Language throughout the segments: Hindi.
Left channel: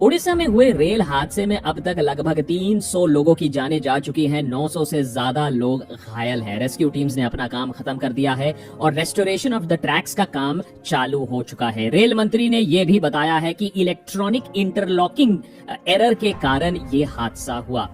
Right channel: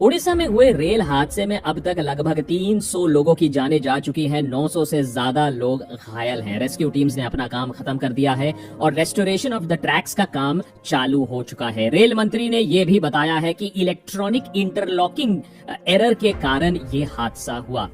उड़ीसा में हुए रेल हादसे में अब तक लगभग 300 लोगों की जानें जा चुकी हैं। 900 से ज्यादा लोग घायल हैं। रेस्क्यू टीम्स ने अपना काम खत्म कर दिया है और रेस्टोरेशन ऑफ द ट्रैक्स का काम चालू हो चुका है। रेल मंत्री ने यह भी बताया है कि इलेक्ट्रॉनिक इंटरलॉकिंग एरर के कारण ये हादसा हुआ।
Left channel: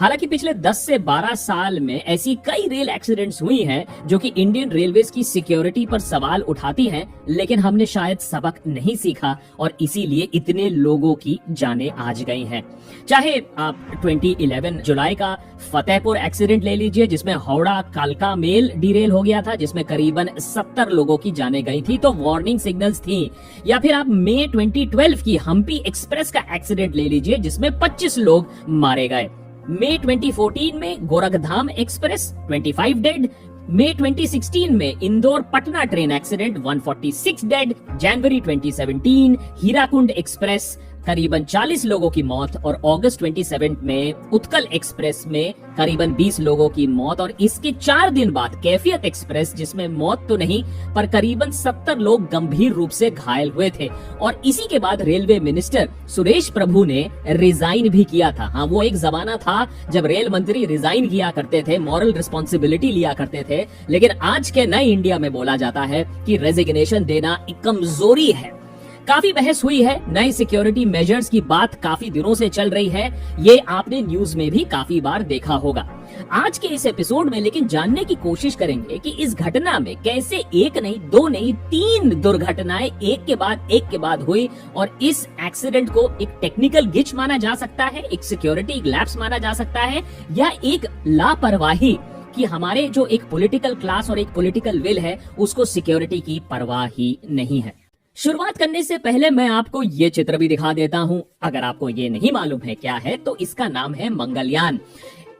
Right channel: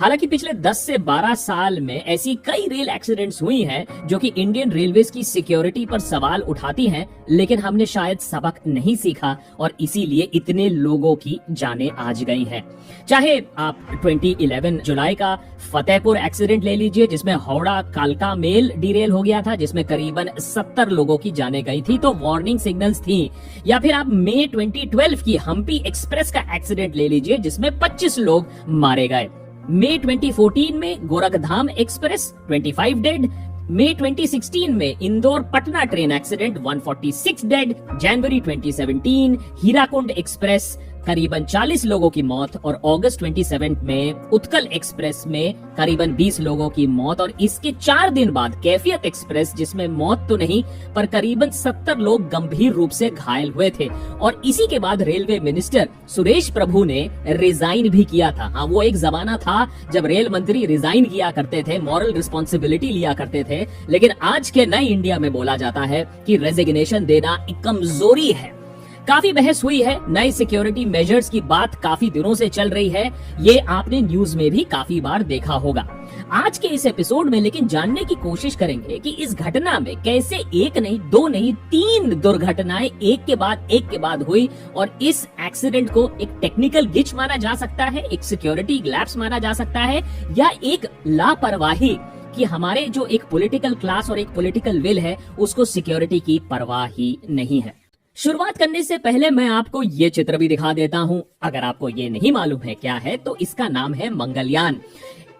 हालांकि पिछले 10 से 12 साल में ऐसी कई रेल एक्सीडेंट्स हुई हैं जो कि इंडियन रेलवेज की सिक्योरिटी पर सवाल उठाती हैं, लेकिन हमने शायद सबक नहीं सीखा और इसीलिए इतने लोगों की जानें आज गई हैं। चाहे आप 2011 जुलाई का फतेहपुर एक्सीडेंट ले लीजिए, जिसमें हावड़ा कालका मेल डिरेल हो गया था, जिसमें करीबन 70 लोगों की जानें गई थी, तो वार्निंग सिग्नल्स थी। या फिर आप मई 2012 की हम्पी एक्सप्रेस का एक्सीडेंट ले लीजिए, जिसमें 25 लोग मारे गए। मई 2014 में गोरखधाम एक्सप्रेस 25 डेड। मई 2016 में Indore Patna train accident 146 dead. जनवरी 2017 हीराकुंड एक्सप्रेस करीबन 40 लोगों की मौत और अगस्त 27 में उत्कल एक्सप्रेस में करीबन 20 लोगों की मौत। और इसके 4 दिन बाद कैफियत एक्सप्रेस, जिसमें मौत तो नहीं पर करीबन 70 लोग गंभीर रूप से घायल हुए थे। और इसी के बाद रेलवे मिनिस्टर सुरेश प्रभु ने रिजाइन भी किया था। हाँ, वो एक जमाना था जब रेल मंत्री रिजाइन किया करते थे, मॉरल रिस्पॉन्सिबिलिटी लिया करते थे, लेकिन आज के नए इंडिया में बोला जाता है कि रेजिग्नेशन देना एक कमजोरी है। काफी बहस हुई है, नए सिक्योरिटी मेजर्स की बात काफी दिनों से चल रही है, ये आपने न्यूज में भी काफी बार देखा होगा। आज के इस एपिसोड में लेकिन जानने की कोशिश करेंगे कि इस घटना में कैसे एक नहीं, दो नहीं, 3 दुर्घटनाएं एक के बाद हुई और इस एक्सीडेंट को एक टेक्निकल गिच माना जा सकता है, एक सिक्योरिटी लैप्स माना जा सकता है, या एक लापरवाही कि हमारे जो एक पॉलिटिकल क्लास और एक पॉलिटिकल विल है उसको सिक्योरिटी की परवाह ही नहीं है। शुरुआत करने से पहले मैं आपको ये चित्र भी दिखा देता हूं। अगर आपको ये नहीं मालूम है क्या है, तो इसका नाम है मंगलयान।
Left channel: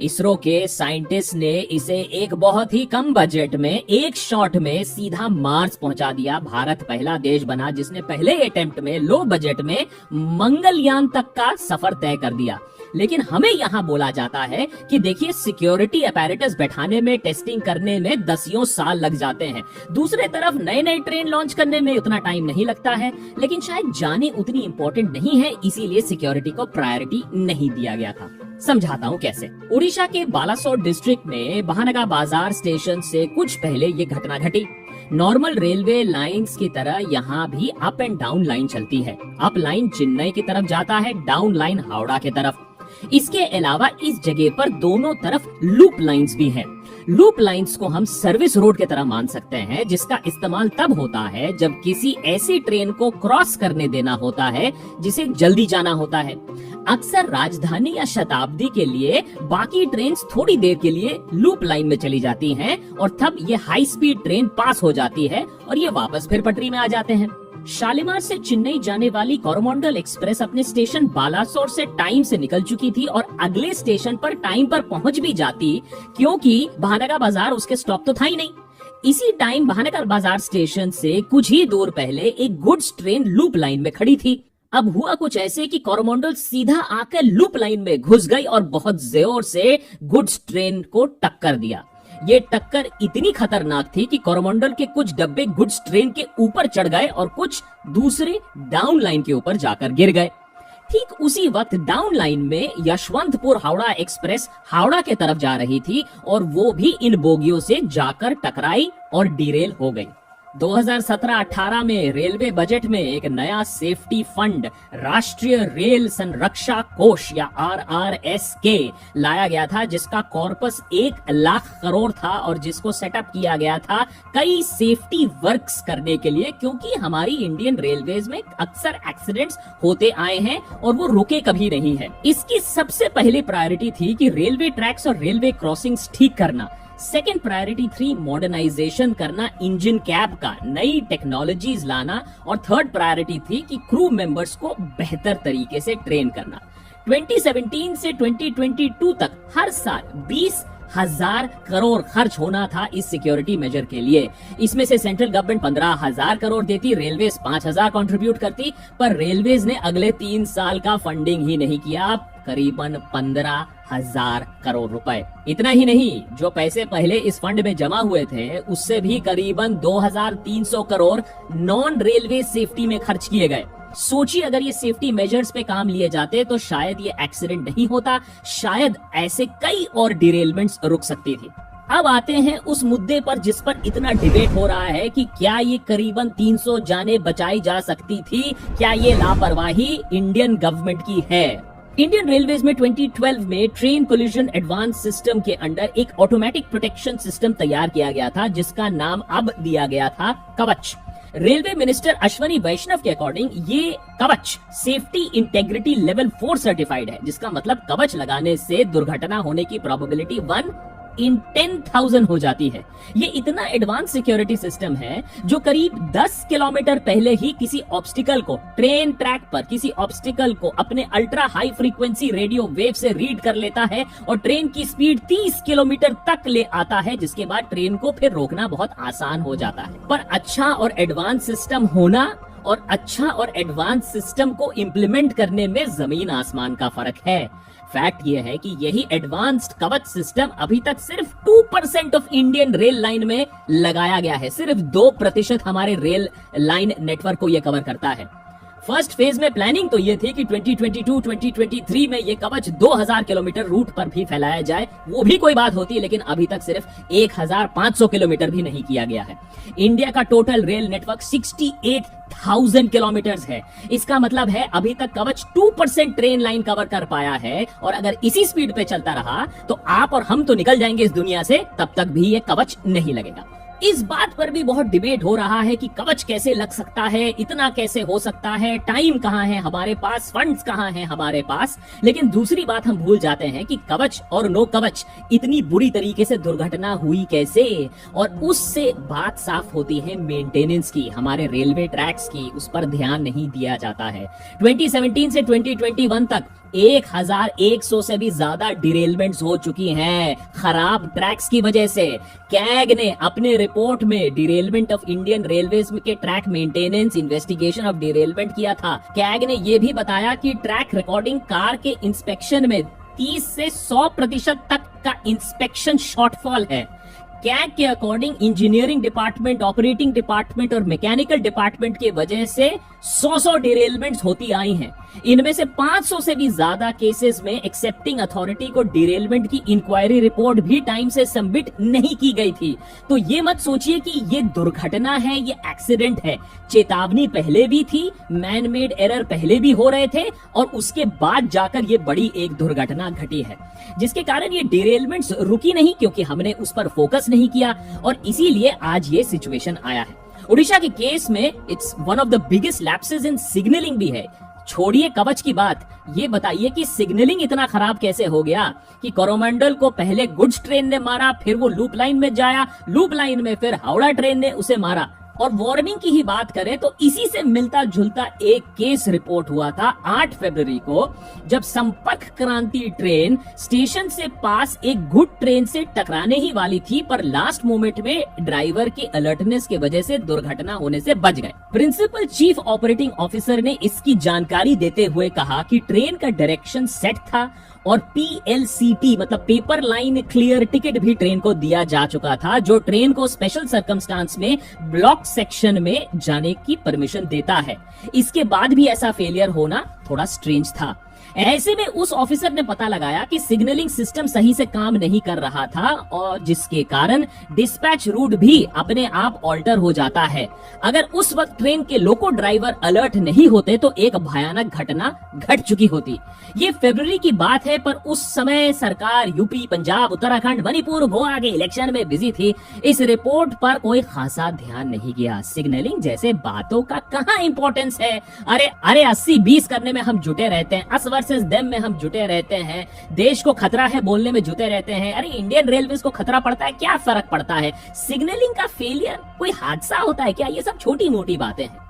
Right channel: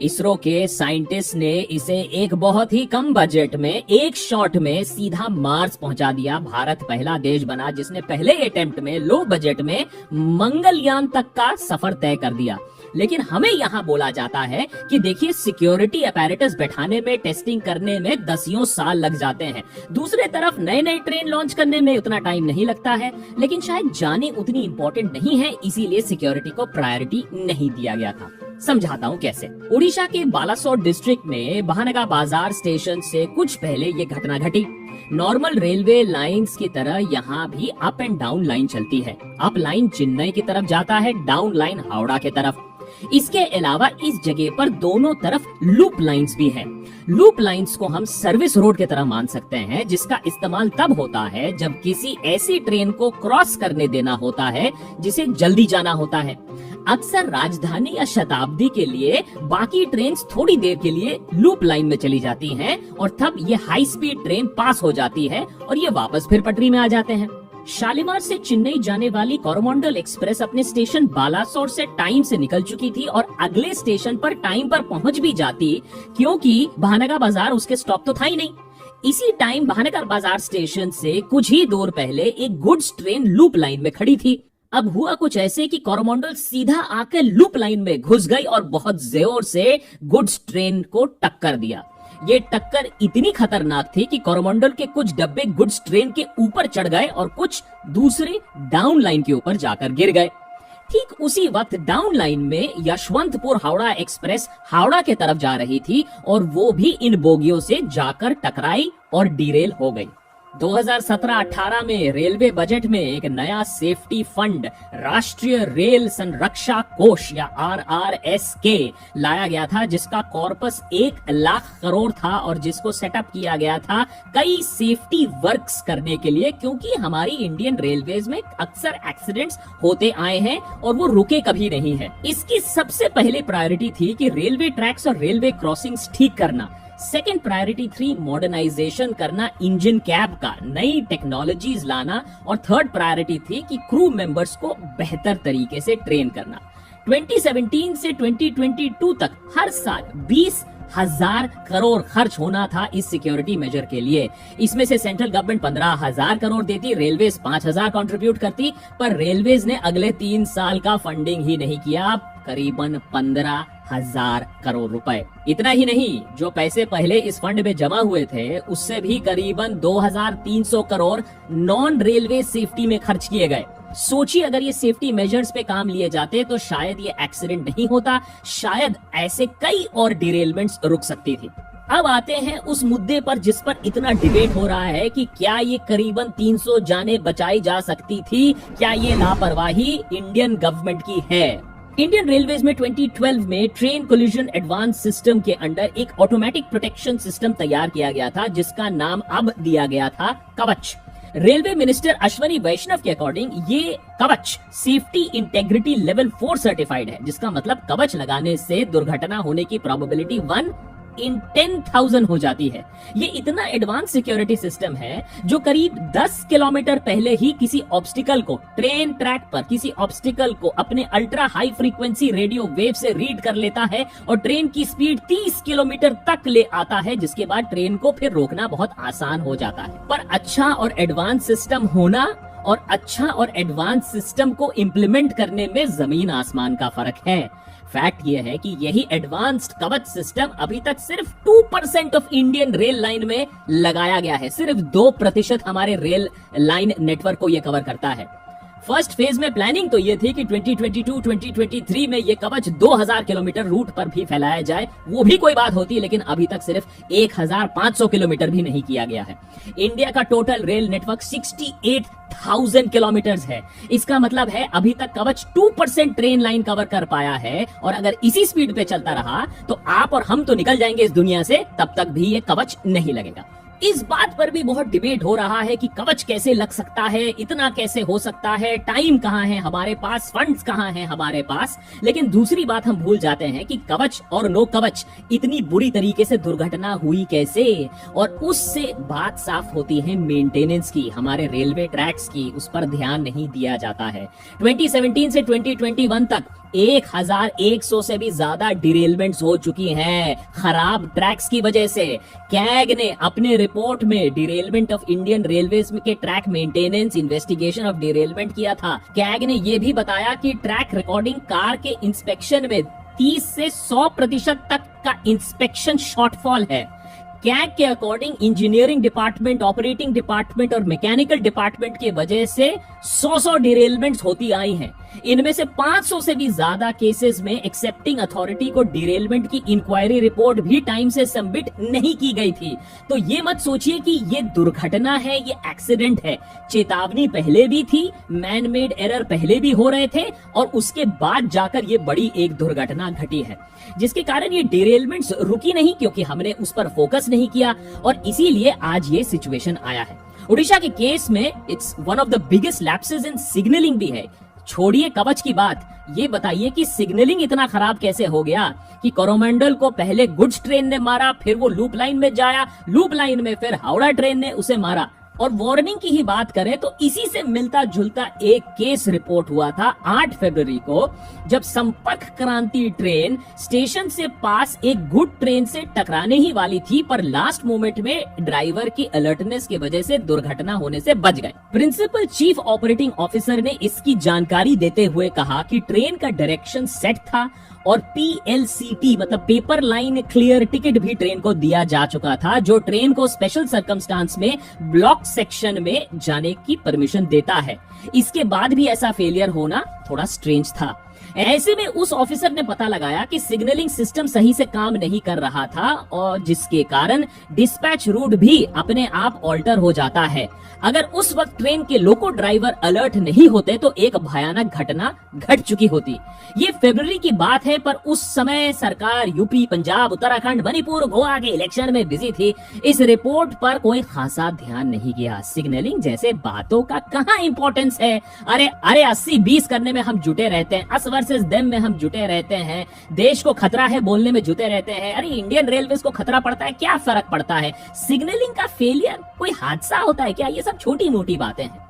इसरो के साइंटिस्ट ने इसे एक बहुत ही कम बजट में एक शॉट में सीधा मार्स पहुंचा दिया। भारत पहला देश बना जिसने पहले अटेम्प्ट में लो बजट में मंगलयान तक का सफर तय कर दिया। लेकिन हमें यहाँ बोला जाता है कि देखिए, सिक्योरिटी अपैरेटस बैठाने में, टेस्टिंग करने में 10 साल लग जाते हैं। दूसरे तरफ नए नए ट्रेन लॉन्च करने में उतना टाइम नहीं लगता है, लेकिन शायद जाने उतनी इंपॉर्टेंट नहीं है, इसीलिए सिक्योरिटी को प्रायोरिटी नहीं दिया गया था। समझाता हूँ कैसे। उड़ीसा के बालासोर डिस्ट्रिक्ट में बहानगा बाजार स्टेशन से कुछ पहले ये घटना घटी। नॉर्मल रेलवे लाइंस की तरह यहाँ भी अप एंड डाउन लाइन चलती है। अप लाइन चेन्नई की तरफ जाता है, डाउन लाइन हावड़ा की तरफ। इसके अलावा इस जगह पर दोनों तरफ लूप लाइंस भी हैं। लूप लाइंस को हम सर्विस रोड की तरह मान सकते हैं, जिसका इस्तेमाल तब होता है जब किसी ऐसी ट्रेन को क्रॉस करने देना होता है जिसे जल्दी जाना होता है। अक्सर राजधानी या शताब्दी के लिए बाकी ट्रेन थोड़ी देर के लिए लूप लाइन में चली जाती हैं और तब ये हाई स्पीड ट्रेन पास हो जाती है और ये वापस फिर पटरी में आ जाते हैं। शालीमार से चेन्नई जाने वाली कोरोमंडल एक्सप्रेस अपने स्टेशन बालासोर से टाइम से निकल चुकी थी और अगले स्टेशन पर टाइम पर पहुंच भी जाती, क्योंकि बहानगा बाजार उसके स्टॉप तो था ही नहीं। इसी टाइम बहानगा बाजार स्टेशन से कुछ ही दूर पहले एक गुड्स ट्रेन लूप लाइन में खड़ी थी। अब हुआ कुछ ऐसे कि कोरोमंडल सीधा आकर लूप लाइन में घुस गई और बहुत जोर से गुड्स ट्रेन को टक्कर दिया। ये टक्कर इतनी खतरनाक थी कि कोरोमंडल के कुछ डब्बे गुड्स ट्रेन के ऊपर चढ़ गए और कुछ दूसरी डाउन लाइन के ऊपर जाकर गिर गए। ठीक उसी वक्त डाउन लाइन में यशवंतपुर हावड़ा एक्सप्रेस हावड़ा के तरफ जा रही थी और वो भी इन बोगियों से जाकर टकराई और डिरेल हो गई। 2017-18 में रेलवे बजट में एक नया सेफ्टी फंड राष्ट्रीय रेल संरक्षा कोष या RRSK लाया गया था, जिसका कॉर्पस 1 लाख करोड़ था और जिसको सेटअप किया गया था कई सेफ्टी वर्क्स करने के लिए, क्योंकि हमारी इंडियन रेलवेज में अक्सर एक्सीडेंट्स होते आए हैं और वो रुके कभी नहीं है। इसकी सबसे पहली प्रायोरिटी थी कि रेलवे ट्रैक्स और रेलवे क्रॉसिंग्स ठीक करना। सेकेंड प्रायोरिटी थी मॉडर्नाइजेशन करना इंजन कैब का, नई टेक्नोलॉजीज लाना। और थर्ड प्रायोरिटी थी कि क्रू मेंबर्स को बेहतर तरीके से ट्रेन करना। 2017 से 2022 तक हर साल 20,000 करोड़ खर्च होना था इस सिक्योरिटी मेजर के लिए। इसमें से सेंट्रल गवर्नमेंट 15,000 करोड़ देती, रेलवेज 5,000 कंट्रीब्यूट करती, पर रेलवेज ने अगले 3 साल का फंडिंग ही नहीं किया, करीबन 15,000 करोड़ रुपए। इतना ही नहीं, जो पैसे पहले इस फंड में जमा हुए थे उससे भी करीबन 2,300 करोड़ नॉन रेलवे सेफ्टी में खर्च किए गए। सोचिए अगर ये सेफ्टी मेजर्स पे काम लिए जाते तो शायद ये एक्सीडेंट नहीं होता, शायद ऐसे कई और डिरेलमेंट्स रुक सकते थे। अब आते हैं उस मुद्दे पर जिस पर इतना डिबेट हो रहा है कि क्या ये करीबन 300 जानें बचाई जा सकती थी, क्या ये लापरवाही इंडियन गवर्नमेंट की है। इंडियन रेलवेज में 2012 में ट्रेन कोलिजन एडवांस सिस्टम के अंडर एक ऑटोमेटिक प्रोटेक्शन सिस्टम तैयार किया गया था जिसका नाम अब दिया गया था कवच। रेलवे मिनिस्टर अश्वनी वैष्णव के अकॉर्डिंग ये कवच सेफ्टी इंटेग्रिटी लेवल 4 सर्टिफाइड है, जिसका मतलब कवच लगाने से दुर्घटना होने की प्रोबेबिलिटी 1 in 10,000 हो जाती है। ये इतना एडवांस सिक्योरिटी सिस्टम है जो करीब 10 किलोमीटर पहले ही किसी ऑब्स्टिकल को ट्रेन ट्रैक पर किसी ऑब्स्टिकल को अपने ultra high frequency radio wave से रीड कर लेता है और ट्रेन की स्पीड 30 किलोमीटर तक ले आता है, जिसके बाद ट्रेन को फिर रोकना बहुत आसान हो जाता है। पर अच्छा और एडवांस सिस्टम होना और अच्छा और एडवांस सिस्टम को इम्प्लीमेंट करने में जमीन आसमान का फर्क है। फैक्ट ये है कि यही एडवांस्ड कवच सिस्टम अभी तक सिर्फ 2% ऑफ इंडियन रेल लाइन में लगाया गया है। सिर्फ 2% हमारे रेल लाइन नेटवर्क को यह कवर करता है। फर्स्ट फेज में प्लानिंग तो ये थी कि 2022-2023 में ये कवच 2000 किलोमीटर रूट पर भी फैलाया जाए, वो भी कोई बात होती है, लेकिन अभी तक सिर्फ 1500 किलोमीटर भी नहीं किया गया है। इंडिया का टोटल रेल नेटवर्क 68,000 किलोमीटर है। इसका मतलब है अभी तक कवच 2% ट्रेन लाइन कवर कर पाया है, और अगर इसी स्पीड पे चलता रहा तो आप और हम तो निकल जाएंगे इस दुनिया से, तब तक भी ये कवच नहीं लगेगा। इस बात पर भी बहुत डिबेट हो रहा है कि कवच कैसे लग सकता है, इतना कैसे हो सकता है, टाइम कहाँ है हमारे पास, फंड्स कहाँ हैं हमारे पास। लेकिन दूसरी बात हम भूल जाते हैं कि कवच और नो कवच इतनी बुरी तरीके से दुर्घटना हुई कैसे, और उससे बात साफ होती है मेंटेनेंस की, हमारे रेलवे ट्रैक्स की, उस पर ध्यान नहीं दिया जाता है। 2017 से 2021 तक 1100 से भी ज्यादा डिरेलमेंट्स हो चुकी हैं खराब ट्रैक्स की वजह से। कैग ने अपने रिपोर्ट में डिरेलमेंट ऑफ इंडियन रेलवेज के track maintenance investigation of derailment किया था। कैग ने यह भी बताया कि ट्रैक रिकॉर्डिंग कार के इंस्पेक्शन में 30 से 100% तक का इंस्पेक्शन शॉर्टफॉल है। कैग के according engineering department, operating department और मैकेनिकल डिपार्टमेंट की वजह से 100 डिरेलमेंट्स होती आई हैं। इनमें से 500 से भी ज्यादा केसेस में एक्सेप्टिंग अथॉरिटी को डिरेलमेंट की इंक्वायरी रिपोर्ट भी टाइम से सबमिट नहीं की गई थी। तो ये मत सोचिए कि ये दुर्घटना है, ये एक्सीडेंट है। चेतावनी पहले भी थी, मैन मेड एरर पहले भी हो रहे थे, और उसके बाद जाकर ये बड़ी एक दुर्घटना घटी है, जिसके कारण ये डिरेलमेंट्स रुकी नहीं, क्योंकि हमने उस पर फोकस नहीं किया, और इसीलिए आज ये सिचुएशन आया है। उड़ीसा के केस में it's one of the biggest lapses in signalling भी है। छोड़िए कवच की बात, ये बताइए कि सिग्नलिंग इतना खराब कैसे हो गया कि कोरोमंडल को पहले गुड्स ट्रेन ने मारा, फिर वो लूप लाइन में जाया, लूप लाइन में फिर हावड़ा ट्रेन ने उसे मारा। और वार्निंग की ही बात करें तो इसी से मिलता जुलता एक केस रिपोर्ट हुआ था 8 फरवरी को, जब संपर्क क्रांति ट्रेन स्टेशन से पास एक गुड ट्रेन से टकराने ही वाली थी, पर लास्ट मोमेंट में ड्राइवर की अलर्टनेस की वजह से दुर्घटना होने से बच गए। प्रिंसिपल चीफ ऑपरेटिंग ऑफिसर ने इसकी जानकारी देते हुए कहा कि ट्रेन का डायरेक्शन सेट था और PLCT मतलब पेपर लाइन क्लियर टिकट भी ट्रेन को दिया जा चुका था, जो ट्रेन को स्पेशल सर्कमस्टांस में ब्लॉक सेक्शन में जाने की परमिशन देता है। इसके बाद भी ऐसा फेलियर होना थोड़ा स्ट्रेंज था। ऐसे में उस ऑफिसर ने पता लगाया कि सिग्नलिंग सिस्टम सही से काम नहीं कर रहा था, और जिसके कारण डिस्पैच रूट भी अपने आप ऑल्टर हो जाता है। अगर उस वक्त ट्रेन के लोको ड्राइवर अलर्ट नहीं होते तो एक भयानक घटना घट चुकी होती। ये फरवरी की बात है, पर उस समय सरकार यूपी, पंजाब, उत्तराखंड, मणिपुर, गोवा के इलेक्शन में बिजी थी। इस रिपोर्ट पर कोई खासा ध्यान नहीं किया। सिग्नलिंग जैसे बातों का कहाँ इंपॉर्टेंस है। अरे 80-20 करने में हम जुटे रहते हैं, अस वर्सेस देम में हम जुटे रहते हैं, देश को खतरा है बोलने में जुटे रहते हैं। अरे इंडियन रेलवेज को खतरा पड़ता है, क्या फर्क पड़ता है। सिग्नलिंग का फेलियर कोई हादसा होता है क्या? ये सब छोटी मोटी बातें हैं।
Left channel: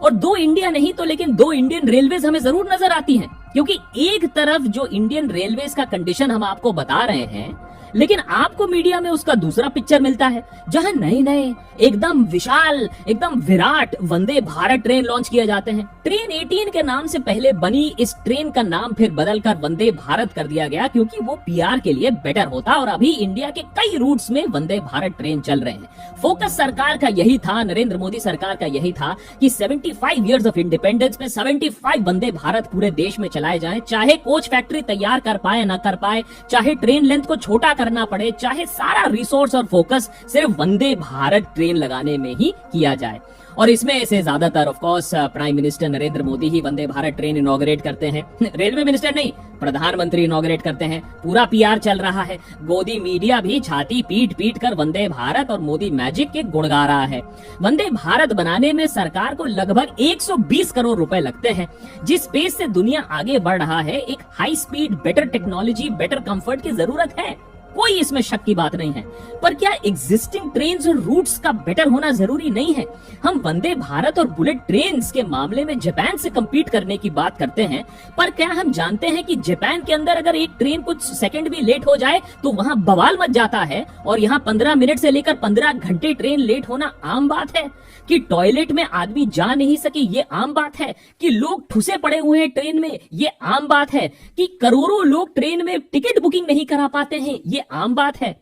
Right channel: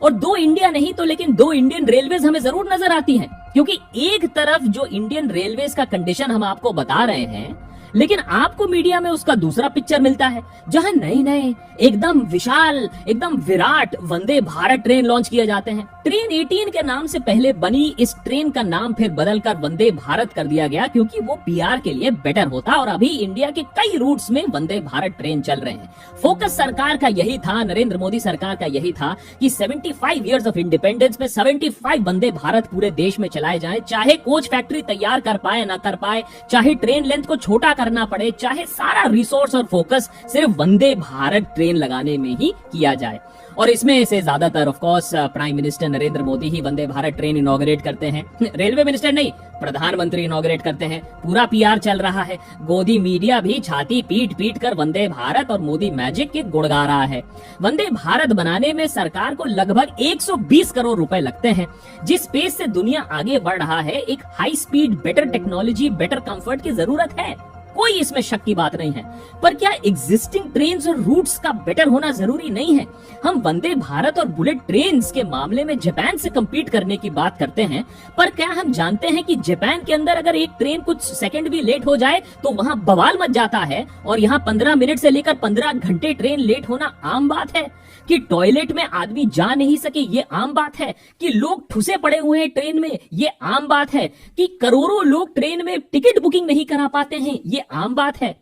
और 2 इंडिया नहीं तो लेकिन 2 इंडियन रेलवेज हमें जरूर नजर आती हैं, क्योंकि एक तरफ जो इंडियन रेलवेज का कंडीशन हम आपको बता रहे हैं, लेकिन आपको मीडिया में उसका दूसरा पिक्चर मिलता है, जहां नए नए एकदम विशाल, एकदम विराट वंदे भारत ट्रेन लॉन्च किए जाते हैं। ट्रेन 18 के नाम से पहले बनी इस ट्रेन का नाम फिर बदलकर वंदे भारत कर दिया गया, क्योंकि वो पीआर के लिए बेटर होता। और अभी इंडिया के कई रूट्स में वंदे भारत ट्रेन चल रहे हैं। फोकस सरकार का यही था, नरेंद्र मोदी सरकार का यही था कि 75 इयर्स ऑफ इंडिपेंडेंस में 75 वंदे भारत पूरे देश में चलाए जाए, चाहे कोच फैक्ट्री तैयार कर पाए ना कर पाए, चाहे ट्रेन लेंथ को छोटा करना पड़े, चाहे सारा रिसोर्स और फोकस सिर्फ वंदे भारत ट्रेन लगाने में ही किया जाए। और इसमें से ज्यादातर of course prime minister Narendra Modi he Vande Bharat train inaugurate करते हैं। रेलवे मिनिस्टर नहीं, प्रधानमंत्री इनॉग्रेट करते हैं। पूरा पीआर चल रहा है। गोदी मीडिया भी छाती पीट पीट कर वंदे भारत और मोदी मैजिक के गुण गा रहा है। वंदे भारत बनाने में सरकार को लगभग 120 करोड़ रुपए लगते हैं। जिस पेस से दुनिया आगे बढ़ रहा है, एक high speed, better technology, better comfort की जरूरत है, कोई इसमें शक की बात नहीं है। पर क्या एग्जिस्टिंग ट्रेन्स और रूट्स का बेटर होना जरूरी नहीं है? हम वंदे भारत और बुलेट ट्रेन्स के मामले में जापान से compete करने की बात करते हैं, पर क्या हम जानते हैं कि जापान के अंदर अगर एक ट्रेन कुछ सेकंड भी लेट हो जाए तो वहां बवाल मच जाता है, और यहाँ 15 मिनट से लेकर 15 घंटे ट्रेन लेट होना आम बात है। कि टॉयलेट में आदमी जा नहीं सके, ये आम बात है। कि लोग ठुसे पड़े हुए हैं ट्रेन में, ये आम बात है। कि करोड़ों लोग ट्रेन में टिकट बुकिंग नहीं करा पाते हैं, ये आम बात है।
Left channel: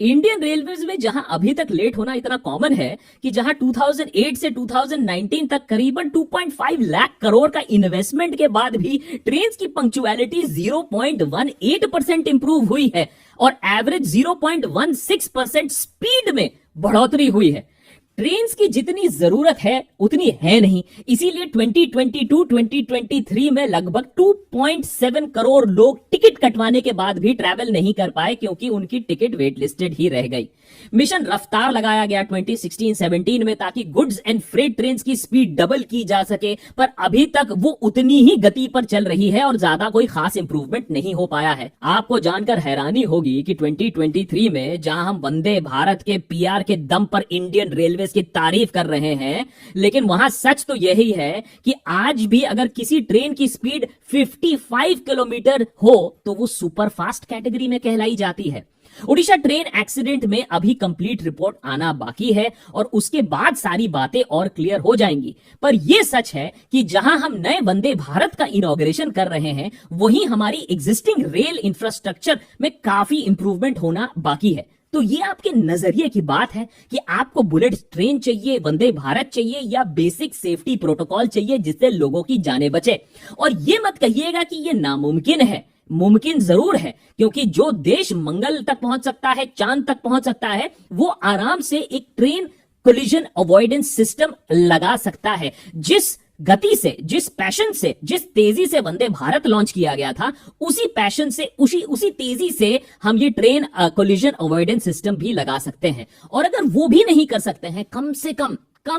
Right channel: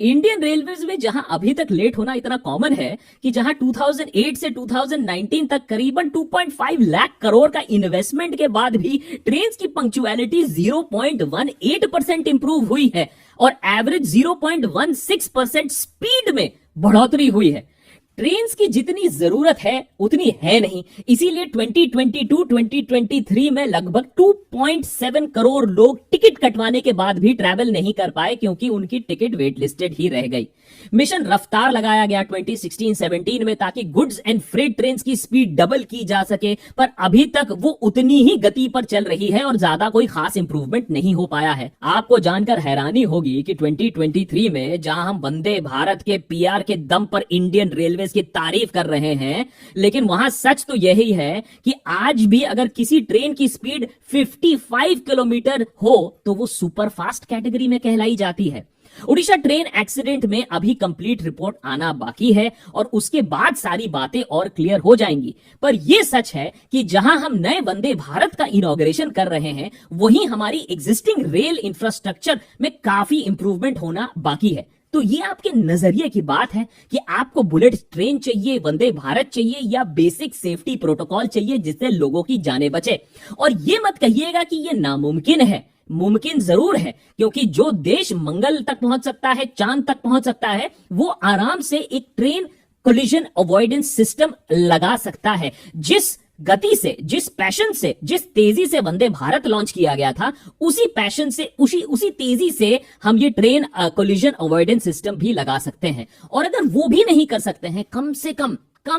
इंडियन रेलवेज में जहां अभी तक लेट होना इतना कॉमन है कि जहां 2008 से 2019 तक करीबन 2.5 लाख करोड़ का इन्वेस्टमेंट के बाद भी ट्रेन की पंक्चुअलिटी 0.18% इंप्रूव हुई है और एवरेज 0.16% स्पीड में बढ़ोतरी हुई है। ट्रेन्स की जितनी जरूरत है उतनी है नहीं, इसीलिए 2022-2023 में लगभग 2.7 करोड़ लोग टिकट कटवाने के बाद भी ट्रैवल नहीं कर पाए, क्योंकि उनकी टिकट वेट लिस्टेड ही रह गई। मिशन रफ्तार लगाया गया 2016-17 में, ताकि गुड्स एंड फ्रेट ट्रेन्स की स्पीड डबल की जा सके, पर अभी तक वो उतनी ही गति पर चल रही है और ज्यादा कोई खास इंप्रूवमेंट नहीं हो पाया है। आपको जानकर हैरानी होगी कि 2023 में जहां हम वंदे भारत के पीआर के दम पर इंडियन रेलवे की तारीफ कर रहे हैं, लेकिन वहां सच तो यही है कि आज भी अगर किसी ट्रेन की स्पीड 55 किलोमीटर हो तो वो सुपर फास्ट कैटेगरी में कहलाई जाती है। उड़ीसा ट्रेन एक्सीडेंट में अभी कंप्लीट रिपोर्ट आना बाकी है और उसके बाद सारी बातें और क्लियर हो जाएंगी। पर यह सच है कि जहां हम नए वंदे भारत का इनॉग्रेशन कर रहे हैं, वहीं हमारी एग्जिस्टिंग रेल इंफ्रास्ट्रक्चर में काफी इंप्रूवमेंट होना बाकी है। तो ये आपके नजरिए की बात है कि आपको बुलेट ट्रेन चाहिए, वंदे भारत चाहिए, या बेसिक सेफ्टी प्रोटोकॉल चाहिए जिससे लोगों की जानें बचे। और ये मत कहिएगा कि ये नामुमकिन है, मुमकिन जरूर है, क्योंकि जो देश मंगल तक पहुंच सकता है, चांद तक पहुंच सकता है, वो आराम से एक ट्रेन कोलिजन अवॉइडेंस सिस्टम लगा सकता है। जिस गति से, जिस पैशन से, जिस तेजी से वंदे भारत लॉन्च किया गया था, उसी पैशन से, उसी तेजी से हम ये ट्रेन कोलिजन अवॉइडेंस सिस्टम भी लगा सकते हैं। और अगर वो भी नहीं कर सकते हैं, कम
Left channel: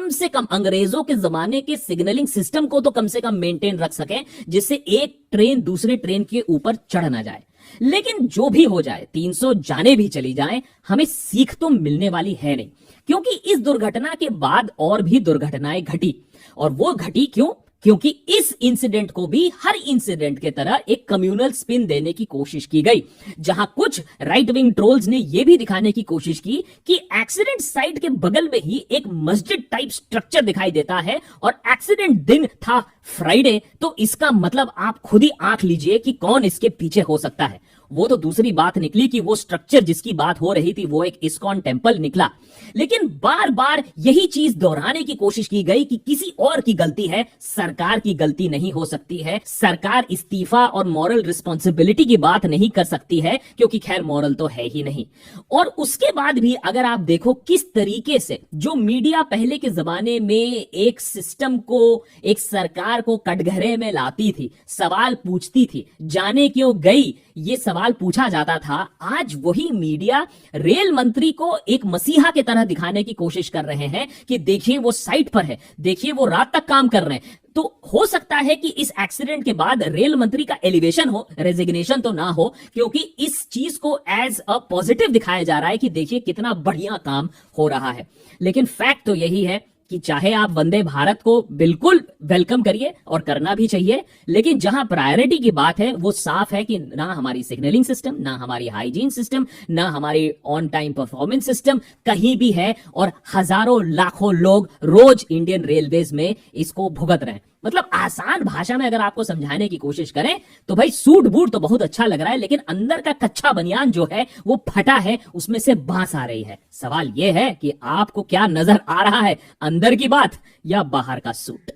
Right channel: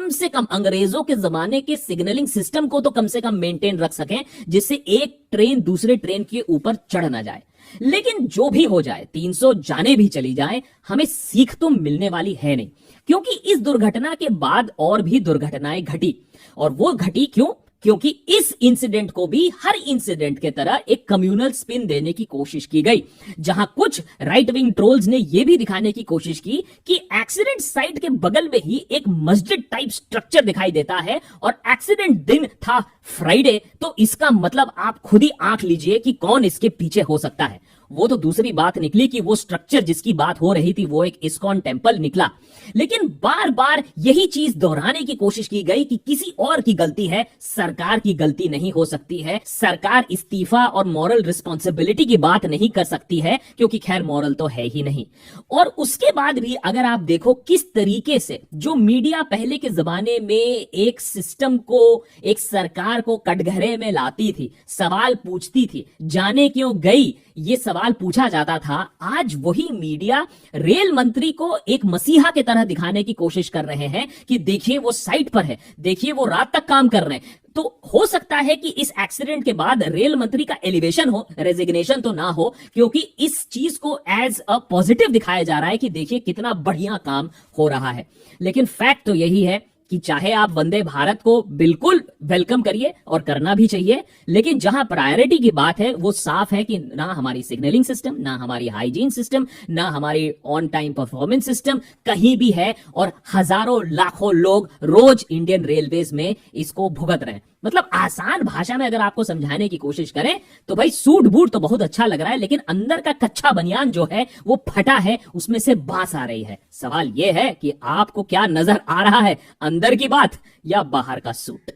से कम अंग्रेजों के जमाने के सिग्नलिंग सिस्टम को तो कम से कम मेंटेन रख सकें, जिससे एक ट्रेन दूसरे ट्रेन के ऊपर चढ़ ना जाए। लेकिन जो भी हो जाए, 300 जाने भी चली जाए, हमें सीख तो मिलने वाली है नहीं, क्योंकि इस दुर्घटना के बाद और भी दुर्घटनाएं घटी। और वो घटी क्यों? क्योंकि इस इंसिडेंट को भी हर इंसिडेंट के तरह एक कम्युनल स्पिन देने की कोशिश की गई, जहां कुछ राइट विंग ट्रोल्स ने यह भी दिखाने की कोशिश की कि एक्सीडेंट साइट के बगल में ही एक मस्जिद टाइप स्ट्रक्चर दिखाई देता है और एक्सीडेंट दिन था फ्राइडे, तो इसका मतलब आप खुद ही आंख लीजिए कि कौन इसके पीछे हो सकता है। वो तो दूसरी बात निकली कि वो स्ट्रक्चर जिसकी बात हो रही थी वो एक इस्कॉन टेम्पल निकला। लेकिन बार बार यही चीज दोहराने की कोशिश की गई कि किसी और की गलती है, सरकार की गलती नहीं हो सकती है। सरकार इस्तीफा और मॉरल रिस्पॉन्सिबिलिटी की बात नहीं कर सकती है, क्योंकि खैर मॉरल तो है ही नहीं। और उसके बाद भी अगर आप देखो किस तरीके से जो मीडिया पहले के जमाने में एक सिस्टम को, एक सरकार को कटघरे में लाती थी, सवाल पूछती थी, जाने क्यों गई ये सवाल पूछा जाता था, आज वही मीडिया रेल मंत्री को एक मसीहा के तरह दिखाने की कोशिश कर रहे हैं कि देखिए वो साइट पर है, देखिए वो रात तक काम कर रहे हैं। तो हो सकता है कि इस एक्सीडेंट के बाद रेल मंत्री का एलिवेशन हो, रेजिग्नेशन तो ना हो, क्योंकि इस चीज को एज अ पॉजिटिव दिखाया जा रहा है कि देखिए कितना बढ़िया काम हो रहा है। लेकिन फैक्ट तो यही है कि चाहे आप वंदे भारत को बिल्कुल वेलकम करिए और करना भी चाहिए, लेकिन जहां प्रायोरिटी की बात है वो साफ है कि ना हमारी सिग्नलिंग सिस्टम, ना हमारी हाइजीन सिस्टम, ना हमारी ऑन टाइम परफॉर्मेंस सिस्टम कहीं भी है, और हजारों लाखों लोग रोज इंडियन रेलवेज में इसको भुगत रहे हैं। मतलब आसान भाषा में अगर आपको समझाने की कोशिश करें तो भाई सूट बूट तो बहुत अच्छा लग रहा है, लेकिन अंदर का कच्चा बनियान जो है वो फटा है, उसमें से बांस आ रही है। सवाल यह है कि आपको क्या नजर आ रहा है, अंदर की बात या बाहर का सूट।